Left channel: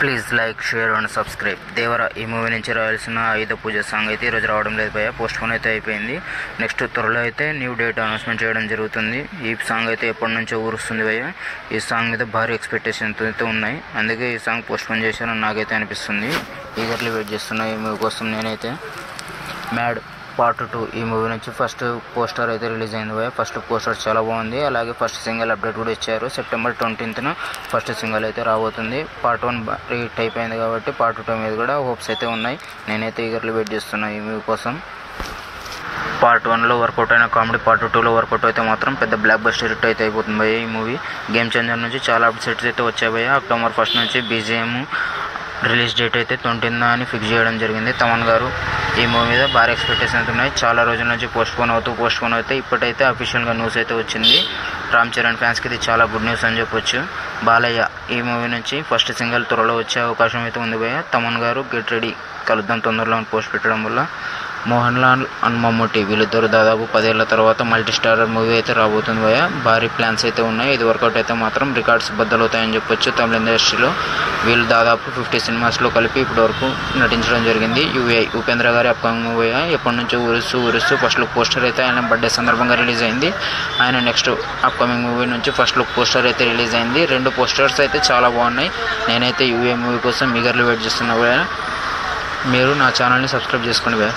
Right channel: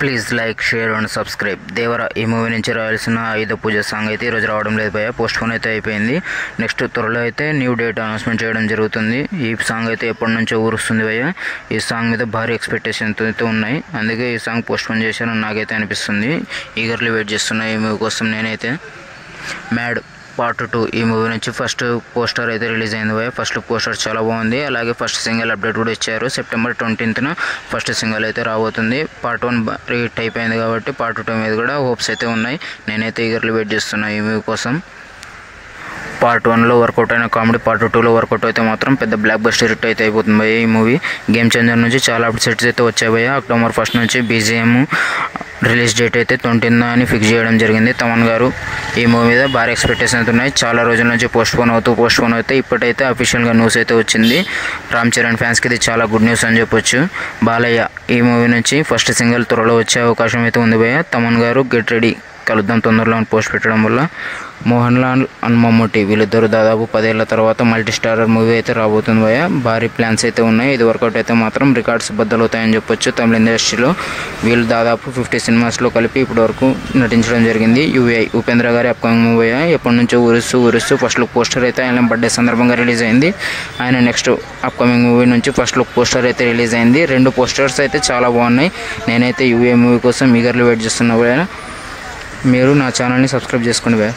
Please like share and subscribe. Devara ఈ movie నుంచి రాయాల్సిన ఆయుధ పూజ song అయితే ఈరోజు రావడం లేదు భయ్య, పోస్ట్ పోన్ అయితే అయిపోయింది. నెక్స్ట్ త్వరలో అయితే న్యూ డేట్ అనౌన్స్మెంట్ చేయడం జరుగుతుంది. ఈ సాంగ్ అయితే ఎప్పటి నుంచో ఊరుస్తుంది భయ్య. ఈ సాంగ్ మీద భారీ ఎక్స్పెక్టేషన్స్ అయితే ఉన్నాయి, అందుకే ఈ సాంగ్ పోస్ట్ పోన్ చేశారని నాకైతే అనిపిస్తుంది. ఈగర్లీ వెయిట్ చేస్తున్నా ఈ మూవీ కోసం నేనైతే. మ్యాడ్ పార్ట్ 2 ఈ మూవీ నుంచి ఫస్ట్ పోస్టర్ అయితే రిలీజ్ అయింది భయ్య. ఫస్ట్ పోస్టర్ చాలా బాగుంది, అలాగే ఫస్ట్ సింగిల్ అప్డేట్ కూడా ఇచ్చారు. సెప్టెంబర్ 20న ఫస్ట్ సింగిల్ అయితే రాబోతుంది. పార్ట్ 1 హిట్ అయిపోయింది కాబట్టి పార్ట్ 2 మీద కూడా హోప్స్ అయితే ఉన్నాయి. నేనైతే ఈగర్లీ వెయిట్ చేస్తున్నా ఈ మూవీ కోసం. పార్ట్ 1లో వర్కౌట్ అయిన కామెడీ పార్ట్ 2లో వర్కౌట్ అయితే మాత్రం పెద్ద బ్లాక్ బస్టర్ హిట్ అయితే అయిపోతుంది భయ్య ఈ మూవీ. గేమ్ చేంజర్ నుంచి చాలా అప్డేట్స్ అయితే వచ్చాయి భయ్య. అక్టోబర్ 1 నుంచి BGM రిలీజ్ డేట్ అయితే 20న అని ఫిక్స్ చేయడం జరిగింది. తమన్ గారు ఈ మూవీ మీద భారీ ఎక్స్పెక్టేషన్స్ ఉన్నాయి. చాలా రోజుల నుంచి పోస్ట్ పోన్ అవుతూ ఇప్పటికైతే అఫీషియల్గా న్యూస్ అయితే వచ్చింది. రామ్ చరణ్ ఫ్యాన్స్కి ఇది చాలా గుడ్ న్యూస్ అని చెప్పొచ్చు. బాలయ్య ఈ మూవీ నుంచి ఫస్ట్ సింగిల్ త్వరలో వచ్చే అవకాశం అయితే ఉంది భయ్య. తమన్ గారు గెట్ రెడీ కలుద్దాం తొందరలో పోస్ట్ పెట్టడం వల్ల. మోహన్ లాల్ అండ్ మమ్ముట్టి వీళ్ళిద్దరు దాదాపు 10 ఏళ్ల తర్వాత మల్టీ స్టారర్ మూవీ అయితే రాబోతుంది భయ్య. భారీ ప్లాన్స్ అయితే ఉన్నాయి. ఇది వర్కౌట్ అయితే మాత్రం రికార్డ్స్ బద్దలవుతాయని చెప్పొచ్చు. తమిళ ఇండస్ట్రీలో వీళ్ళు దాదాపు 50 సినిమాస్లో కలిపి ఇప్పటి వరకు నటించడం జరిగింది. ఉపేంద్ర గారి అప్కమింగ్ మూవీ ఎప్పటి నుంచో ఊరుస్తూ ఫస్ట్ లుక్ పోస్టర్ అయితే ఆయన బర్త్డే సందర్భంగా రిలీజ్ అయింది. ఆయన నెక్స్ట్ అప్కమింగ్ మూవీ నుంచి ఫస్ట్ లుక్ పోస్టర్ అయితే రిలీజ్ అయింది. 2 పోస్టర్స్ అయితే చాలా బాగున్నాయి. నేనైతే UA మూవీ కోసం ఈగర్లీ వెయిట్ చేస్తున్నా భయ్య. మీరు నా ఛానల్ని సబ్స్క్రైబ్ చేసుకోండి భయ్య.